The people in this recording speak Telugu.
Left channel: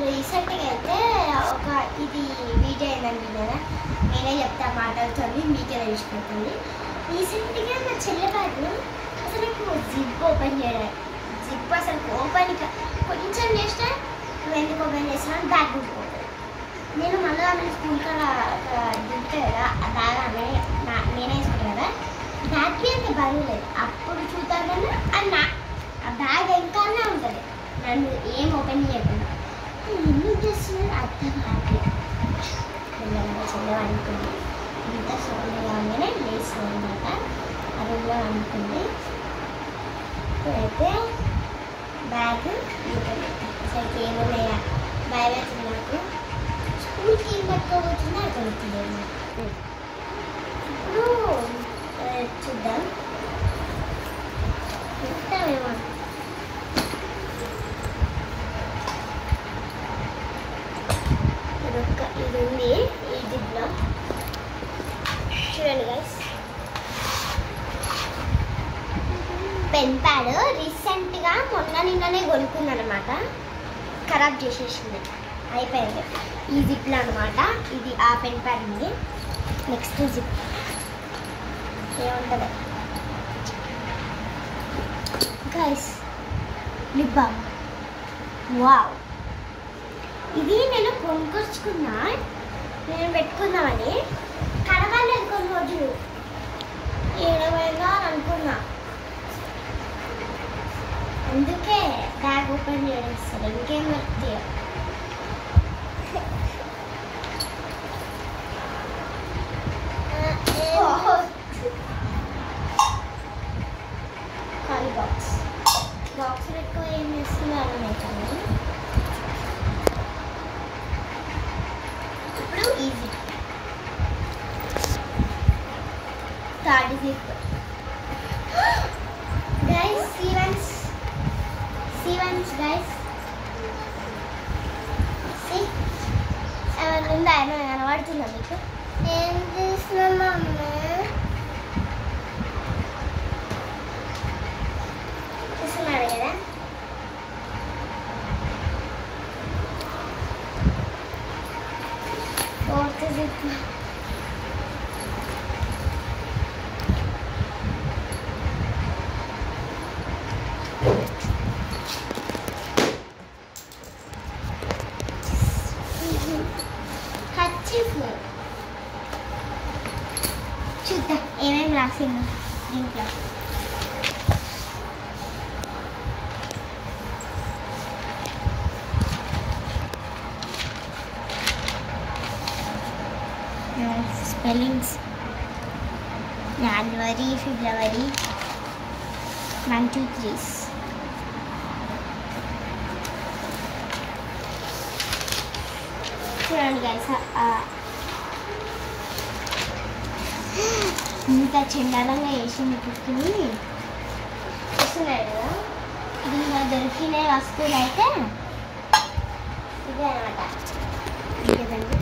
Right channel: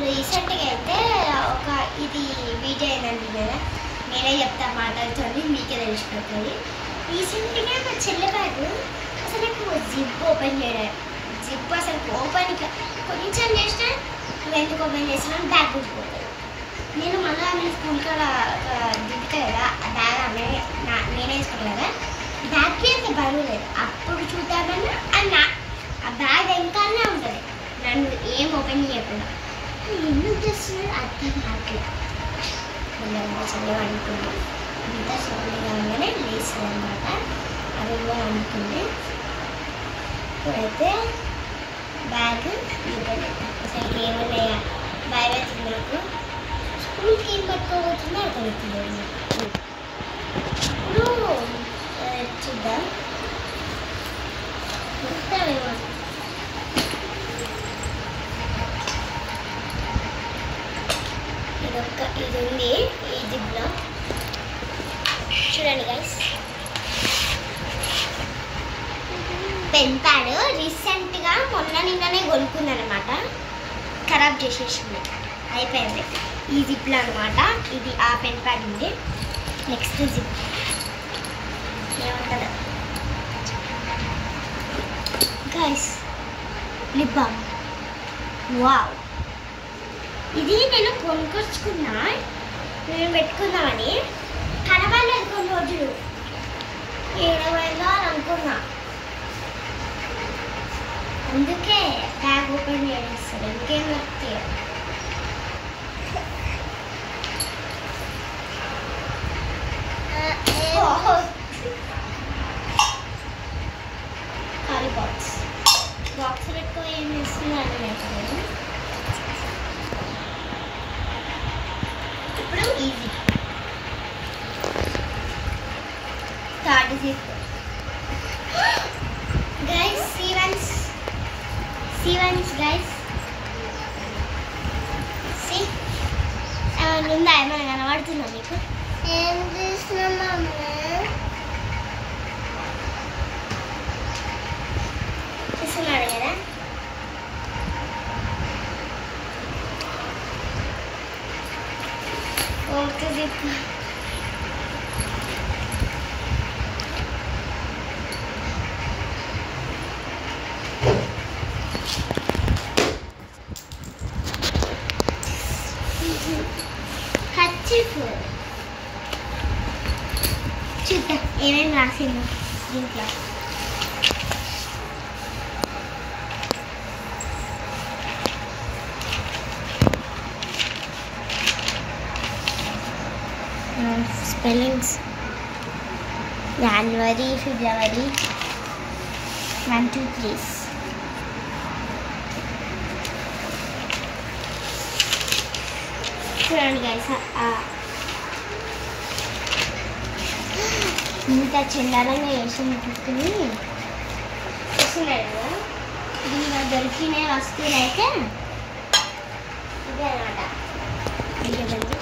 రీసెంట్గా అయితే ఒక ఇది వీడియో ఏంటంటే కదా నేనే చెప్తా మాటలతోని మీకే తెలిసిపోతుంది. రీసెంట్గా మా చెల్లె బ్యాగ్ అసలు నాకు జిప్ ఓపెన్ చేయడం జిప్ అసలు ఓపెన్ కొంచెం చేస్తే నువ్వు ఎందుకు ఓపెన్ చేసినా బ్యాగ్ ఊడిపోతుంది. నేను మళ్ళీ ఆమె స్కూల్ కాడ దిగుతా కదా ఆ బ్యాగ్ ఆమె నేనే వేసుకుంటాను కదా బ్యాగ్కి అంత బరువు లేదు. అప్పుడు చూద్దామన్నా ఆ బ్యాగ్ వెనకాలనే ఉంటుంది నన్ను ఏం ఓపెన్ చేయకుండా. ఎందుకు చేస్తున్నారు అర్థం కావట్లేదు. చెల్లె అనుకుంది ఇంత సోని కాగానే లేస్తుంది అనమాట. అరువులో అనుకుంది ఇప్పుడైతే బ్యాగ్ అసలు ఏమన్నాయా బ్యాగ్ వచ్చింది నాకు స్కూల్కి ఏం పట్టుకోబోతుందో అర్థమవుతుంది. ఇప్పుడు చూద్దాం చూద్దామేమో. ఇది ఉంది ఈ జిప్లో చూడండి గైస్. పెన్ ప్యాడ్ రీసెంట్గా నిన్ననే కొనుక్కుందనమాట. ఖరాబ్ చేసేసింది అయిపోయింది. ఈ జిప్లో అనమాట ఇది ఆ పెన్ ప్యాడ్ ఉంది. నెక్స్ట్ జిప్ ఏముంటుందో గైస్ లిప్ బామ్. వావ్ ఇది నేను కొనుక్కొచ్చుకున్నా నేను పెట్టుకుందామని కనబడలేదు కొన్ని రోజులు ఏడవైందో అని అనుకున్నా. అందుకే బ్యాగ్ ఓపెన్ చేస్తారు ఇంకేం దొరుకుతాయి. ఖాళీ బాక్స్ పెట్టుకో ఏం చేస్తుందో అర్థమవుతుంది. ఇప్పుడు ఈజీ థర్డ్ జిప్ గైస్. సీవన్స్ గైస్ ఏమైనా ఉందా ఏమైనా కనబడుతుందా మీకు? ఏం చేస్తున్నామా చూస్తున్నాడు కదా. ఫోర్త్ జిప్ చూద్దాం ఏమేమి రాసిందో దీంట్లో. స్పెల్లింగ్స్ జనవరి ఫిబ్రవరి 1 2 3. చూడండి గైస్ ఇంత చండాలంగా వేసింది గిఫ్ట్ని చూస్తున్నాయి కదా. దీనిలో దొరికిన వస్తువులు అయితే ఇదే అనమాట. ఇంకేదండి